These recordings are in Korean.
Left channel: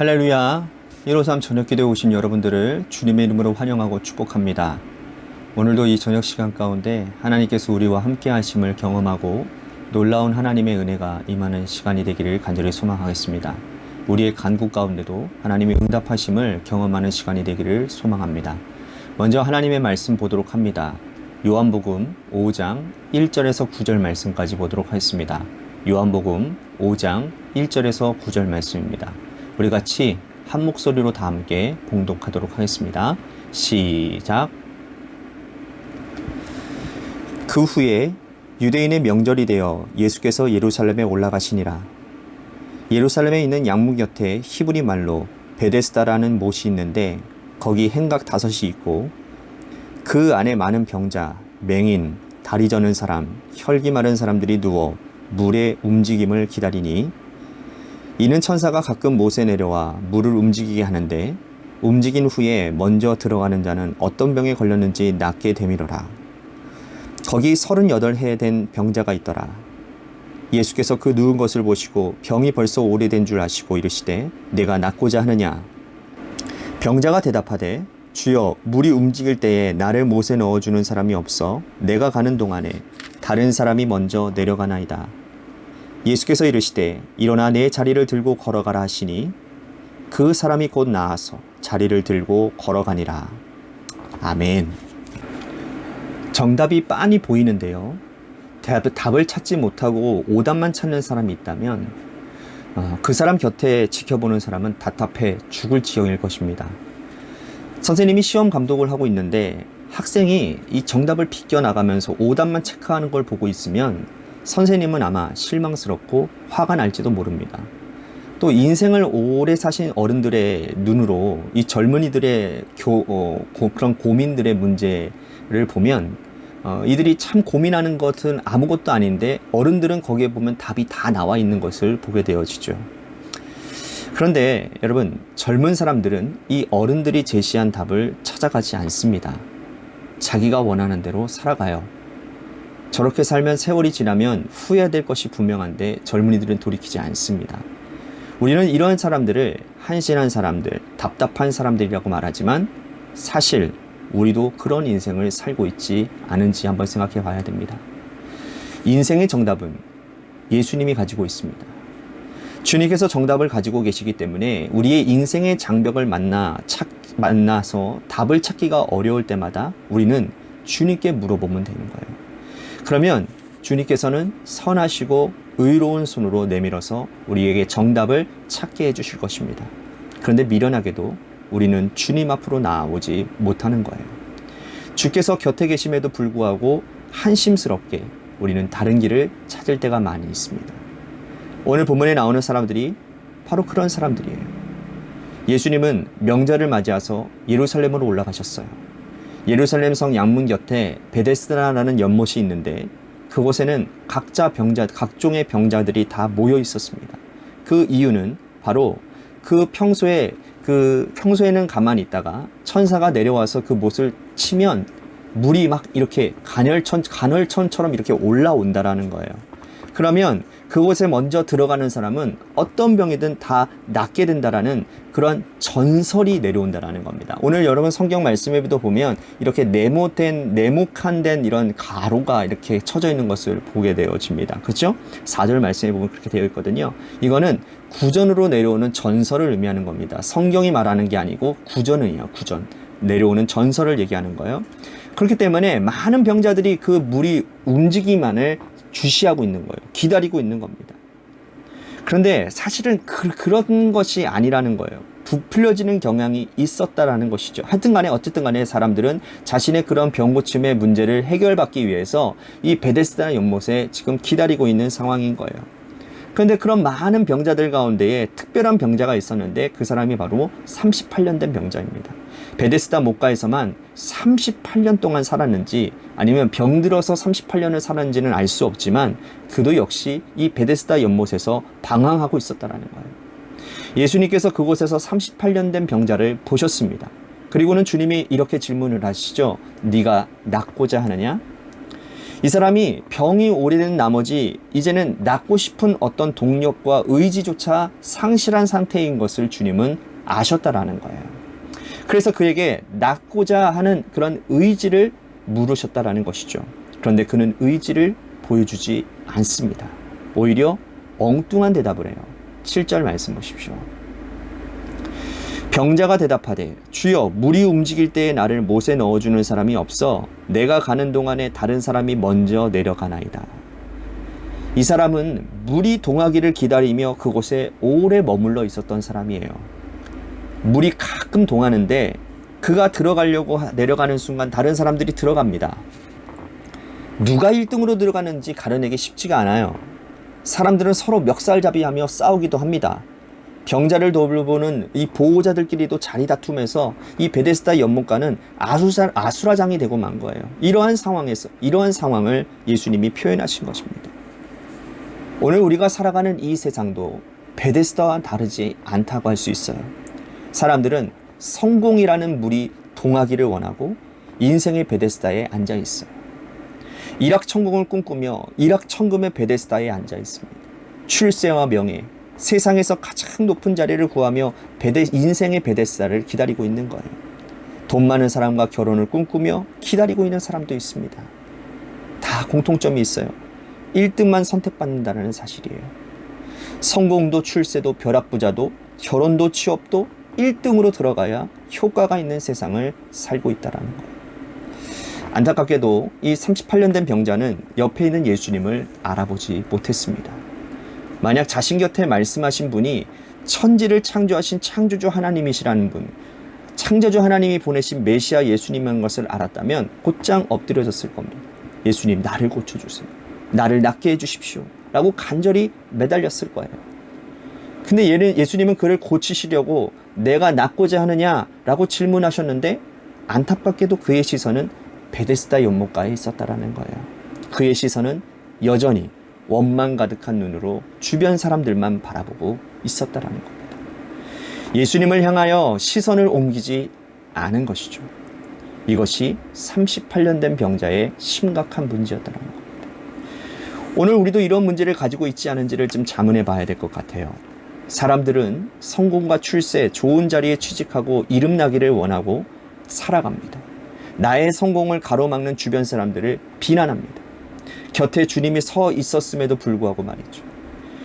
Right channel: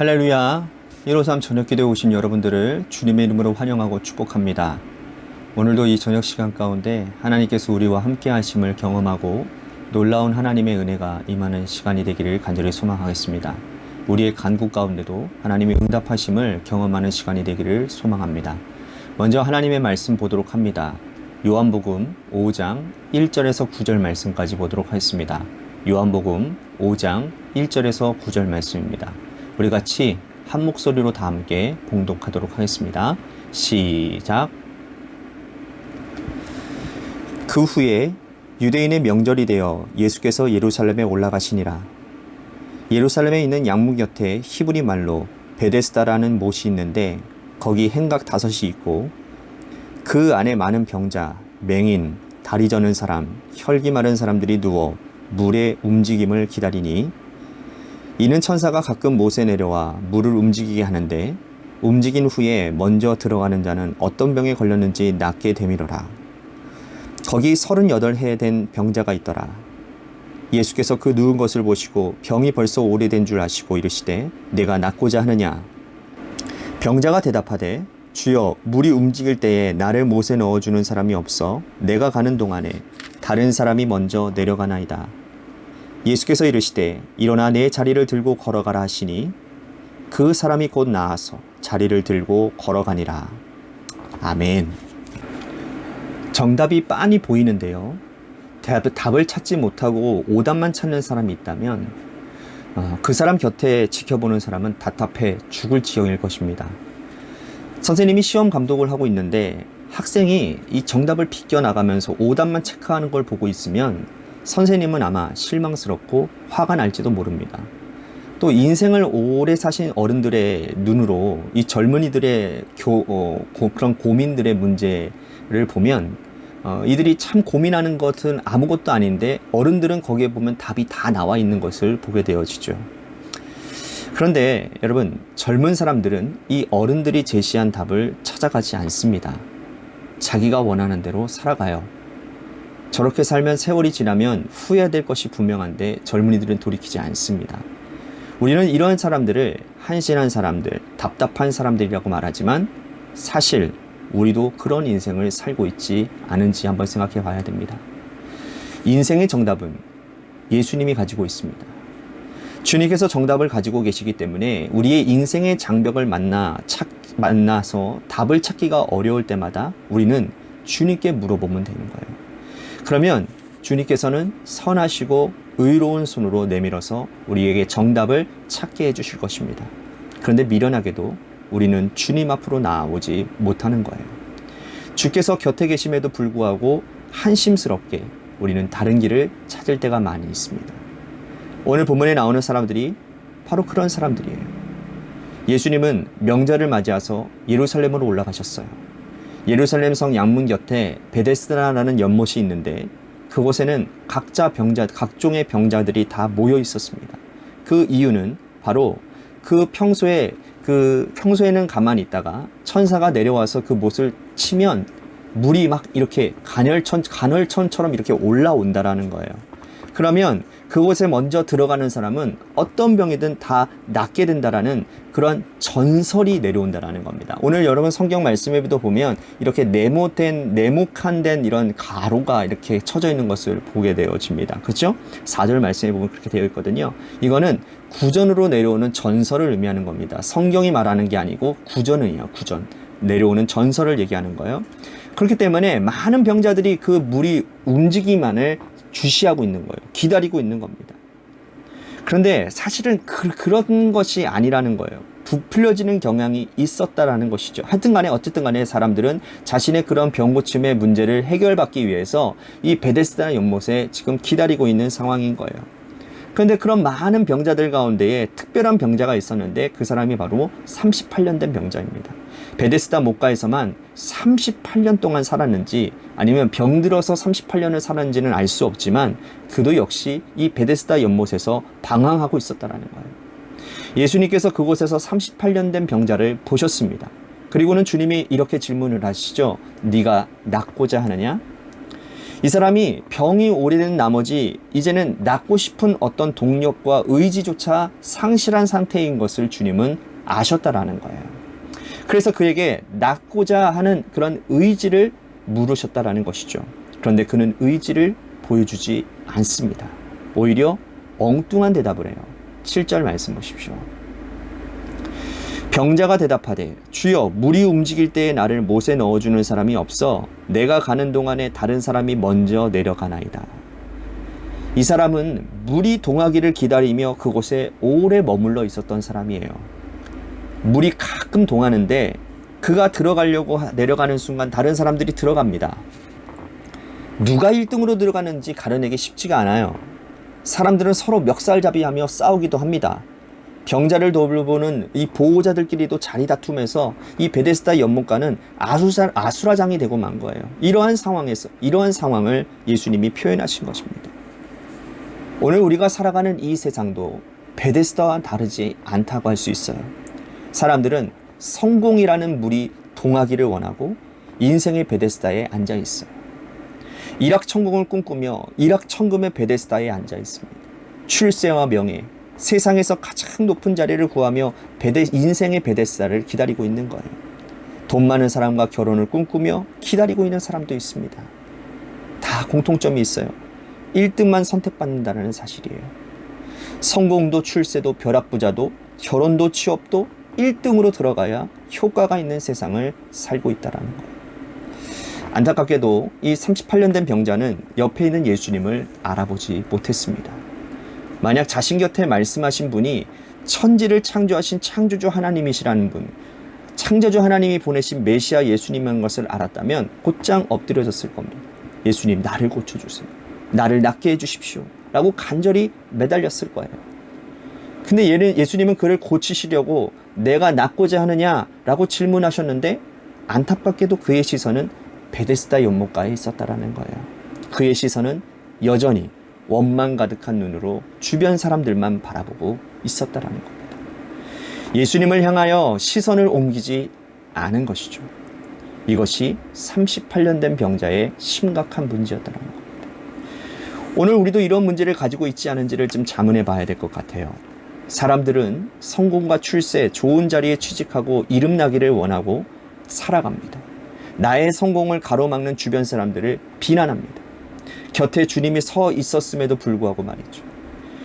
할렐루야. 153 저녁기도에 오신 여러분들을 주님의 이름으로 환영하고 축복합니다. 오늘도 이 저녁 시간 가운데 하나님께서 우리와 함께 하심을 경험하고 놀라운 하나님의 은혜가 임하는 시간이 되기를 간절히 소망하겠습니다. 우리의 간구 가운데도 하나님의 응답하심을 경험하는 시간이 되기를 소망합니다. 먼저 하나님의 말씀 보도록 합니다. 요한복음 5장 1절에서 9절 말씀까지 보도록 하겠습니다. 요한복음 5장 1절에서 9절 말씀입니다. 우리 같이 한 목소리로 다 함께 봉독하도록 하겠습니다. 시작. 그 후에 유대인의 명절이 되어 예수께서 예루살렘에 올라가시니라. 예루살렘에 있는 양문 곁에 히브리 말로 베데스다라는 못이 있는데 거기 행각 5이 있고 그 안에 많은 병자, 맹인, 다리 저는 사람, 혈기 마른 사람들이 누워 물의 움직임을 기다리니 이는 천사가 가끔 못에 내려와 물을 움직이게 하는데 움직인 후에 먼저 들어가는 자는 어떤 병에 걸렸는지 낫게 되밀어라. 거기 38해 된 병자가 있더라. 예수께서 그 누운 것을 보시고 병이 벌써 오래된 줄 아시고 이르시되 내가 낫고자 하느냐. 병자가 대답하되 주여 물이 움직일 때에 나를 못에 넣어주는 사람이 없어 내가 가는 동안에 다른 사람이 먼저 내려가나이다. 예수께서 이르시되 일어나 내 자리를 들고 걸어가라 하시니 그 사람이 곧 나아서 자리를 들고 걸어가니라. 아멘. 정답이 빤히 보이는데요. 답을 찾지 못하고 오답만 찾는 사람이 있다면 그 사람 곁에 지켜보는 사람은 답답해 죽을 지경일 것입니다. 선생님이 시험 감독을 하고 있는데 학생이 이 정답을 비껴나가면서 오답만 체크하는 걸 보고 있으면 선생님은 아마 실망스럽고 화가 날지도 모릅니다. 또 인생을 오래 사신 어른들의 눈으로 이 젊은이들의 그런 고민들의 문제를 보면 이들이 참 고민하는 것은 아무것도 아닌데 어른들은 거기에 보면 답이 다 나와 있는 것을 보게 되어지죠. 그런데 여러분, 젊은 사람들은 이 어른들이 제시한 답을 찾아가지 않습니다. 자기가 원하는 대로 살아가요. 저렇게 살면 세월이 지나면 후회될 것이 분명한데 젊은이들은 돌이키지 않습니다. 우리는 이런 사람들을 한심한 사람들, 답답한 사람들이라고 말하지만 사실 우리도 그런 인생을 살고 있지 않은지 한번 생각해 봐야 됩니다. 인생의 정답은 예수님이 가지고 있습니다. 주님께서 정답을 가지고 계시기 때문에 우리의 인생의 장벽을 만나서 답을 찾기가 어려울 때마다 우리는 주님께 물어보면 되는 거예요. 그러면 주님께서는 선하시고 의로운 손으로 내밀어서 우리에게 정답을 찾게 해주실 것입니다. 그런데 미련하게도 우리는 주님 앞으로 나아오지 못하는 거예요. 주께서 곁에 계심에도 불구하고 한심스럽게 우리는 다른 길을 찾을 때가 많이 있습니다. 오늘 본문에 나오는 사람들이 바로 그런 사람들이에요. 예수님은 명절을 맞이해서 예루살렘으로 올라가셨어요. 예루살렘 성 양문 곁에 베데스다라는 연못이 있는데 그곳에는 각종의 병자들이 다 모여 있었습니다. 그 이유는 바로 평소에는 가만히 있다가 천사가 내려와서 그 못을 치면 물이 막 이렇게 간헐천처럼 이렇게 올라온다라는 거예요. 그러면 그곳에 먼저 들어가는 사람은 어떤 병이든 다 낫게 된다라는 그런 전설이 내려온다라는 겁니다. 오늘 여러분 성경 말씀에도 보면 이렇게 네모칸 된 이런 가로가 이렇게 쳐져 있는 것을 보게 되어집니다. 그렇죠? 4절 말씀에 보면 그렇게 되어 있거든요. 이거는 구전으로 내려오는 전설을 의미하는 겁니다. 성경이 말하는 게 아니고 구전이에요. 구전. 내려오는 전설을 얘기하는 거예요. 그렇기 때문에 많은 병자들이 그 물이 움직이만을 주시하고 있는 거예요. 기다리고 있는 겁니다. 그런데 사실은 그런 것이 아니라는 거예요. 부풀려지는 경향이 있었다라는 것이죠. 어쨌든 간에 사람들은 자신의 그런 병 고침의 문제를 해결받기 위해서 이 베데스다 연못에 지금 기다리고 있는 상황인 거예요. 그런데 그런 많은 병자들 가운데에 특별한 병자가 있었는데 그 사람이 바로 38년 된 병자입니다. 베데스다 못가에서만 38년 동안 살았는지 아니면 병들어서 38년을 살았는지는 알 수 없지만 그도 역시 이 베데스다 연못에서 방황하고 있었다는 거예요. 예수님께서 그곳에서 38년 된 병자를 보셨습니다. 그리고는 주님이 이렇게 질문을 하시죠. 네가 낫고자 하느냐? 이 사람이 병이 오래된 나머지 이제는 낫고 싶은 어떤 동력과 의지조차 상실한 상태인 것을 주님은 아셨다라는 거예요. 그래서 그에게 낫고자 하는 그런 의지를 물으셨다라는 것이죠. 그런데 그는 의지를 보여주지 않습니다. 오히려 엉뚱한 대답을 해요. 7절 말씀 보십시오. 병자가 대답하되 주여 물이 움직일 때에 나를 못에 넣어주는 사람이 없어 내가 가는 동안에 다른 사람이 먼저 내려가나이다. 이 사람은 물이 동하기를 기다리며 그곳에 오래 머물러 있었던 사람이에요. 물이 가끔 동하는데 그가 들어가려고 내려가는 순간 다른 사람들이 들어갑니다. 누가 1등으로 들어가는지 가려내기 쉽지가 않아요. 사람들은 서로 멱살잡이하며 싸우기도 합니다. 병자를 돌보는 이 보호자들끼리도 자리 다툼해서 이 베데스다 연못가는 아수라장이 되고 만 거예요. 이러한 상황을 예수님이 표현하신 것입니다. 오늘 우리가 살아가는 이 세상도 베데스다와 다르지 않다고 할 수 있어요. 사람들은 성공이라는 물이 동하기를 원하고 인생의 베데스다에 앉아 있어요. 일확천금을 꿈꾸며 일확천금의 베데스다에 앉아 있습니다. 출세와 명예, 세상에서 가장 높은 자리를 구하며 인생의 베데스다를 기다리고 있는 거예요. 돈 많은 사람과 결혼을 꿈꾸며 기다리고 있는 사람도 있습니다. 다 공통점이 있어요. 1등만 선택받는다는 사실이에요. 성공도 출세도 벼락부자도 결혼도 취업도 1등으로 들어가야 효과가 있는 세상을 살고 있다는 거예요. 안타깝게도 이 38년 된 병자는 옆에 있는 예수님을 알아보지 못했습니다. 만약 자신 곁에 말씀하신 분이 천지를 창조하신 창조주 하나님이시라는 분, 창조주 하나님이 보내신 메시아 예수님인 것을 알았다면 곧장 엎드려졌을 겁니다. 예수님, 나를 고쳐주세요. 나를 낫게 해주십시오. 라고 간절히 매달렸을 거예요. 근데 예수님은 그를 고치시려고 내가 낫고자 하느냐? 라고 질문하셨는데 안타깝게도 그의 시선은 베데스다 연못가에 있었다라는 거예요. 그의 시선은 여전히 원망 가득한 눈으로 주변 사람들만 바라보고 있었다라는 겁니다. 예수님을 향하여 시선을 옮기지 않은 것이죠. 이것이 38년 된 병자의 심각한 문제였다는 겁니다. 오늘 우리도 이런 문제를 가지고 있지 않은지를 좀 자문해 봐야 될 것 같아요. 사람들은 성공과 출세, 좋은 자리에 취직하고 이름나기를 원하고 살아갑니다. 나의 성공을 가로막는 주변 사람들을 비난합니다. 곁에 주님이 서 있었음에도 불구하고 말이죠.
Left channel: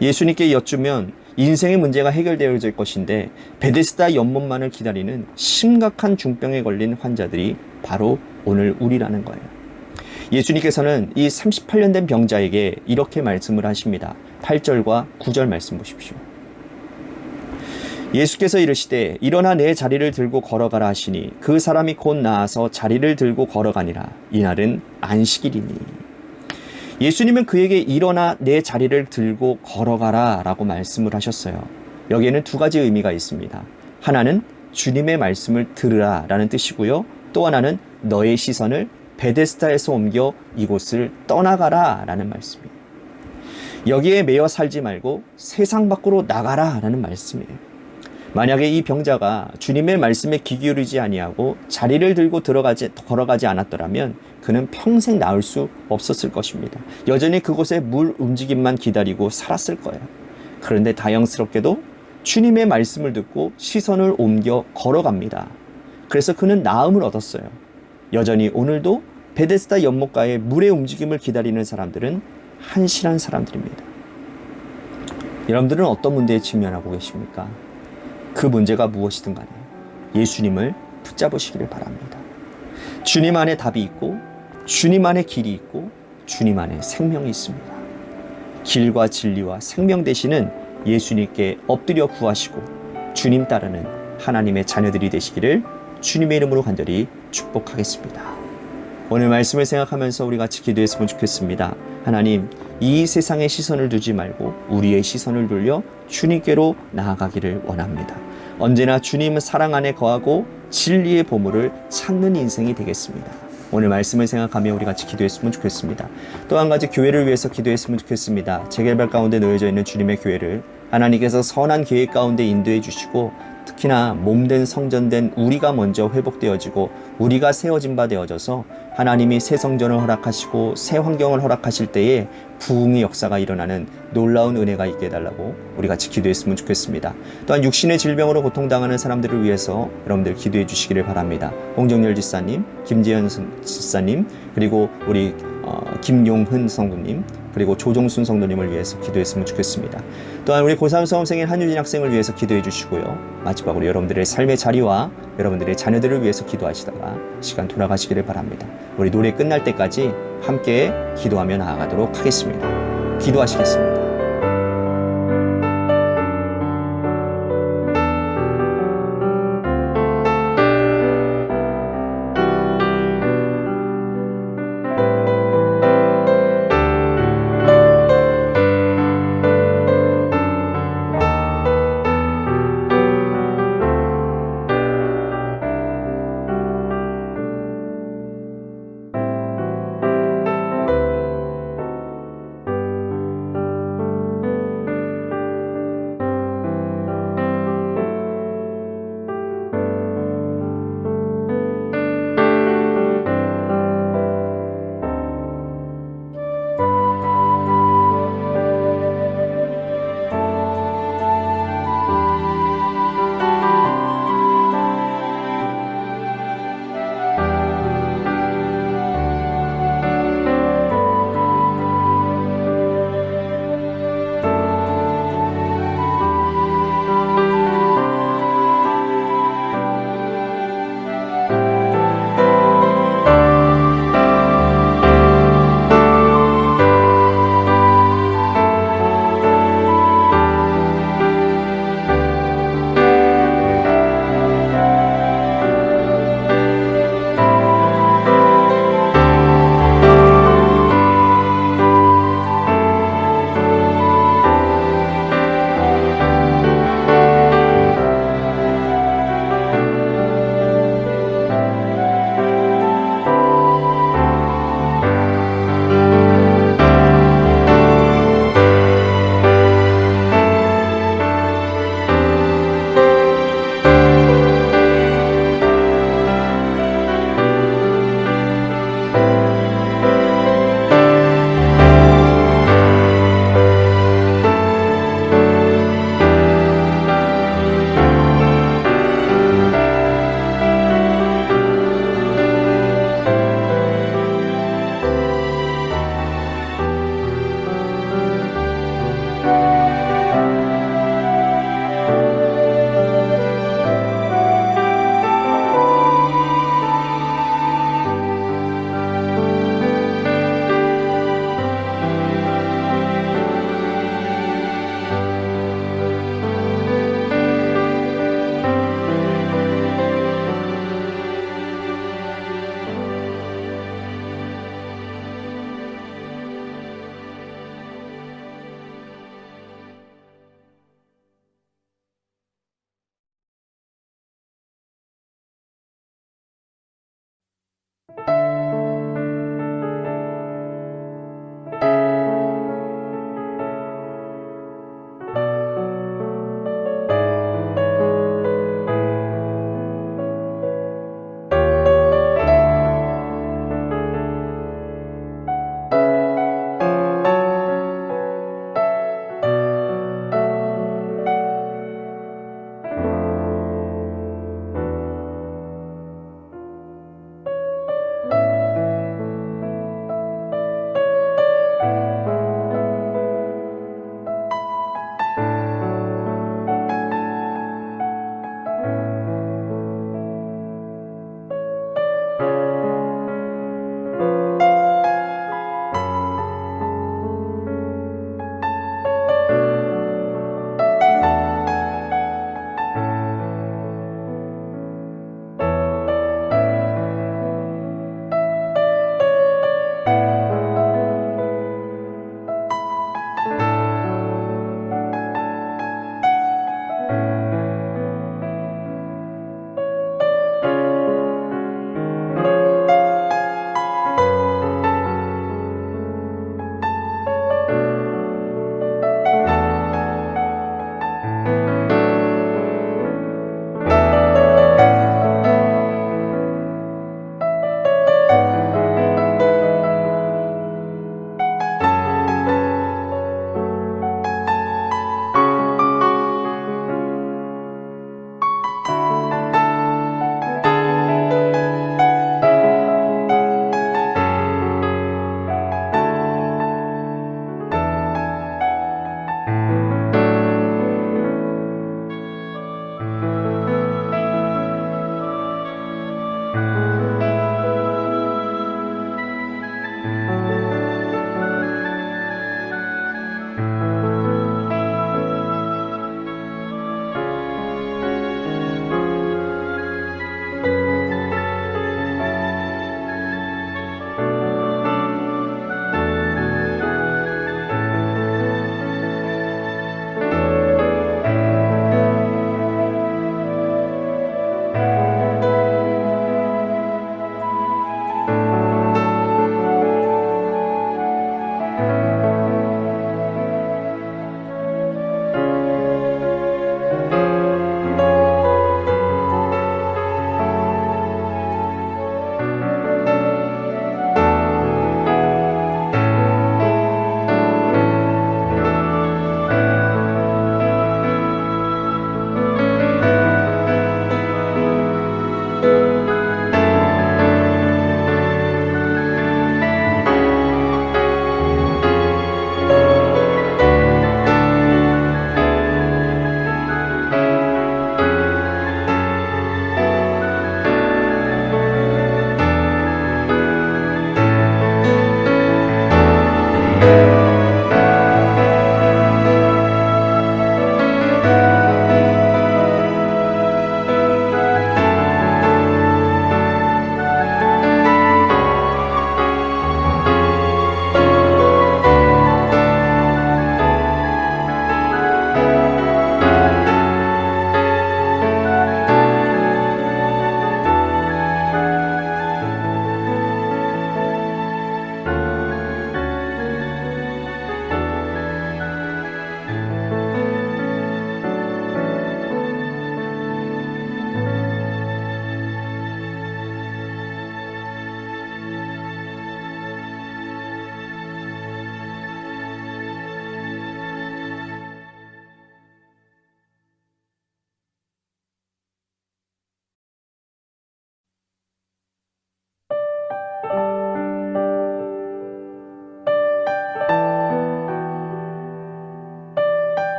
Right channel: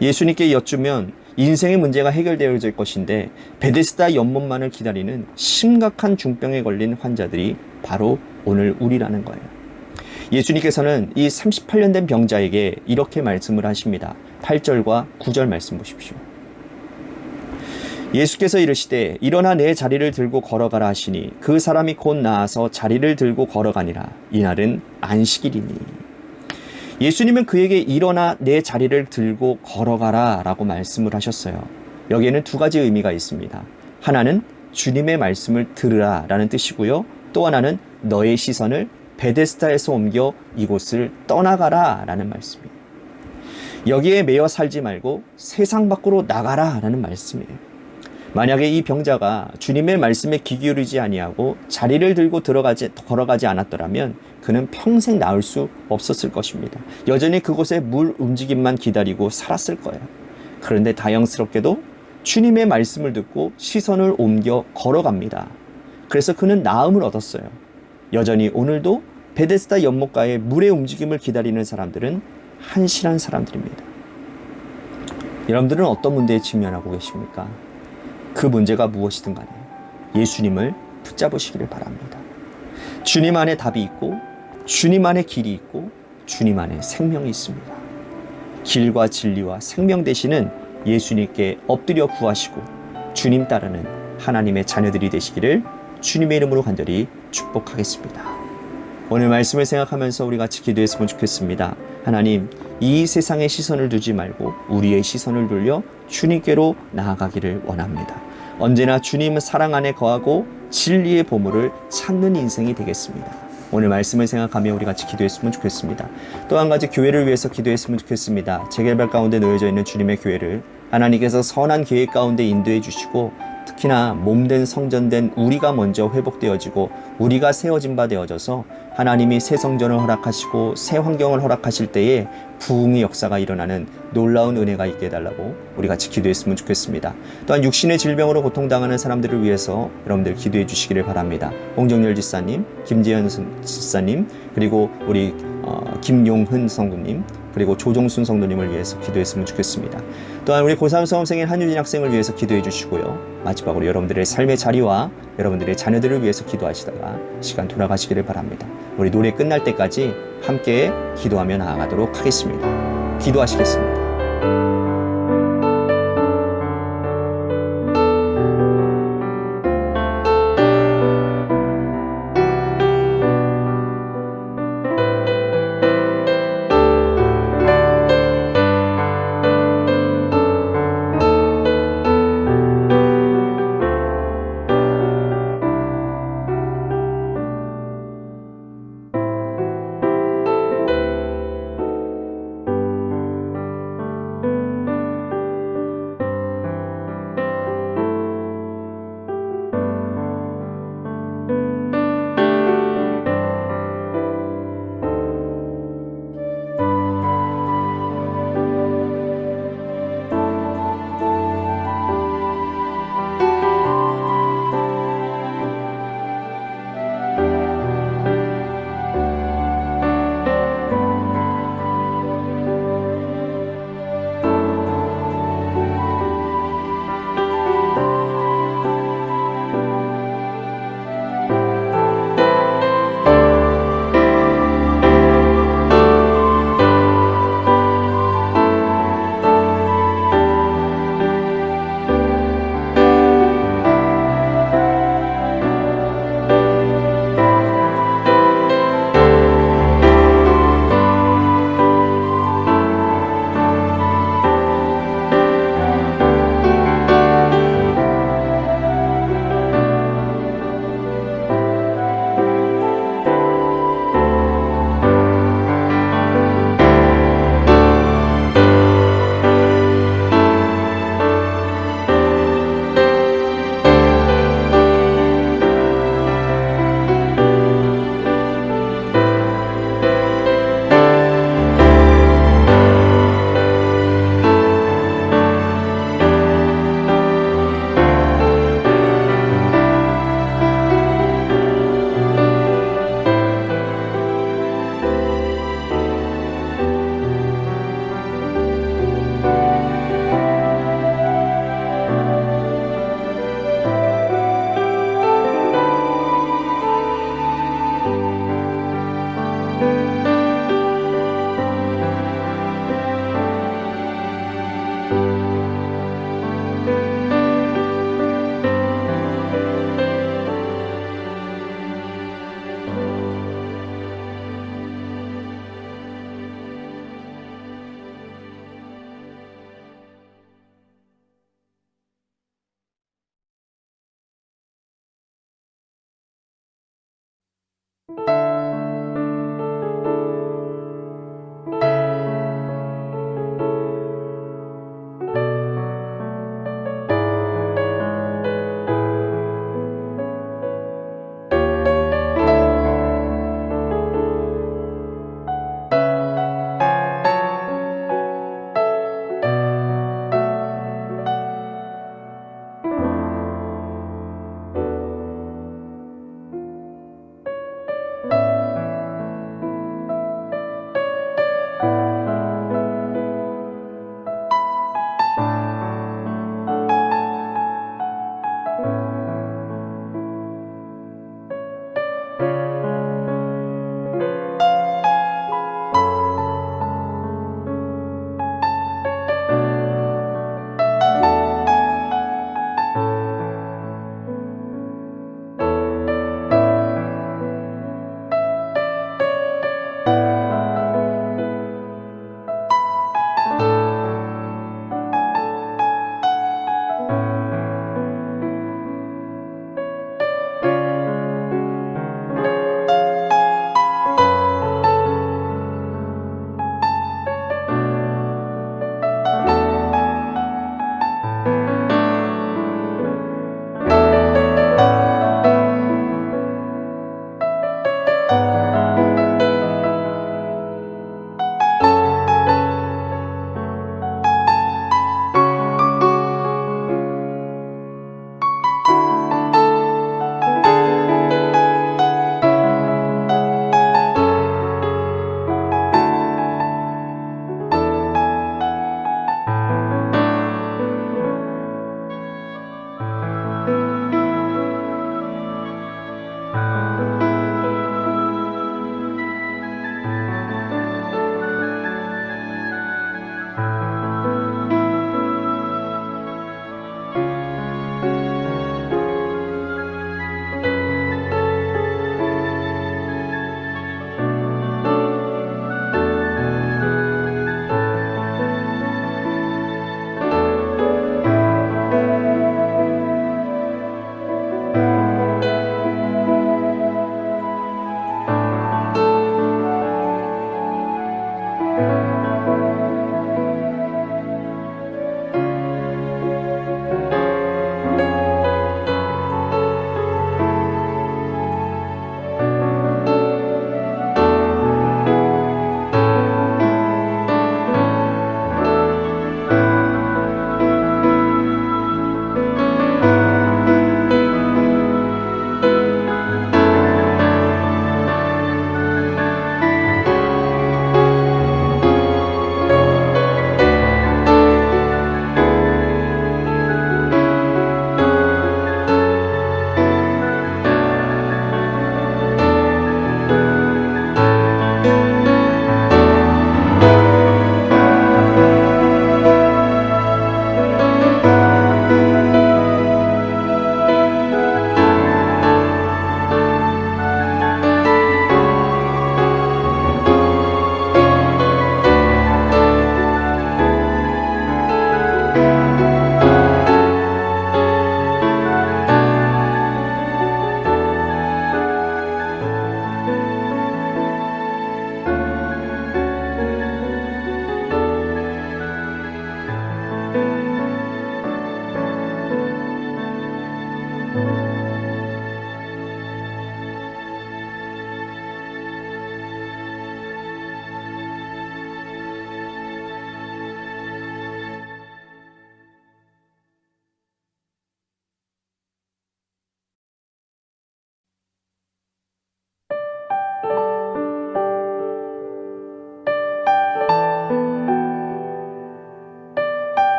예수님께 여쭈면 인생의 문제가 해결되어질 것인데 베데스다 연못만을 기다리는 심각한 중병에 걸린 환자들이 바로 오늘 우리라는 거예요. 예수님께서는 이 38년 된 병자에게 이렇게 말씀을 하십니다. 8절과 9절 말씀 보십시오. 예수께서 이르시되 일어나 내 자리를 들고 걸어가라 하시니 그 사람이 곧 나아서 자리를 들고 걸어가니라. 이날은 안식일이니. 예수님은 그에게 일어나 내 자리를 들고 걸어가라 라고 말씀을 하셨어요. 여기에는 두 가지 의미가 있습니다. 하나는 주님의 말씀을 들으라 라는 뜻이고요. 또 하나는 너의 시선을 베데스다에서 옮겨 이곳을 떠나가라 라는 말씀이에요. 여기에 매여 살지 말고 세상 밖으로 나가라 라는 말씀이에요. 만약에 이 병자가 주님의 말씀에 귀 기울이지 아니하고 자리를 들고 걸어가지 않았더라면 그는 평생 나을 수 없었을 것입니다. 여전히 그곳에 물 움직임만 기다리고 살았을 거예요. 그런데 다행스럽게도 주님의 말씀을 듣고 시선을 옮겨 걸어갑니다. 그래서 그는 나음을 얻었어요. 여전히 오늘도 베데스다 연못가의 물의 움직임을 기다리는 사람들은 한실한 사람들입니다. 여러분들은 어떤 문제에 직면하고 계십니까? 그 문제가 무엇이든 간에 예수님을 붙잡으시기를 바랍니다. 주님 안에 답이 있고 주님 안에 길이 있고 주님 안에 생명이 있습니다. 길과 진리와 생명 되시는 예수님께 엎드려 구하시고 주님 따르는 하나님의 자녀들이 되시기를 주님의 이름으로 간절히 축복하겠습니다. 오늘 말씀을 생각하면서 우리 같이 기도했으면 좋겠습니다. 하나님, 이 세상에 시선을 두지 말고 우리의 시선을 돌려 주님께로 나아가기를 원합니다. 언제나 주님의 사랑 안에 거하고 진리의 보물을 찾는 인생이 되겠습니다. 오늘 말씀을 생각하며 우리 같이 기도했으면 좋겠습니다. 또 한 가지 교회를 위해서 기도했으면 좋겠습니다. 재개발 가운데 놓여져 있는 주님의 교회를 하나님께서 선한 계획 가운데 인도해 주시고 특히나 몸된 성전된 우리가 먼저 회복되어지고 우리가 세워진 바 되어져서 하나님이 새 성전을 허락하시고 새 환경을 허락하실 때에 부흥의 역사가 일어나는 놀라운 은혜가 있게 해달라고 우리 같이 기도했으면 좋겠습니다. 또한 육신의 질병으로 고통당하는 사람들을 위해서 여러분들 기도해 주시기를 바랍니다. 홍정열 지사님, 김재현 지사님, 그리고 우리 김용흔 성도님, 그리고 조종순 성도님을 위해서 기도했으면 좋겠습니다. 또한 우리 고3 수험생인 한유진 학생을 위해서 기도해 주시고요. 마지막으로 여러분들의 삶의 자리와 여러분들의 자녀들을 위해서 기도하시다가 시간 돌아가시기를 바랍니다. 우리 노래 끝날 때까지 함께 기도하며 나아가도록 하겠습니다. 기도하시겠습니다.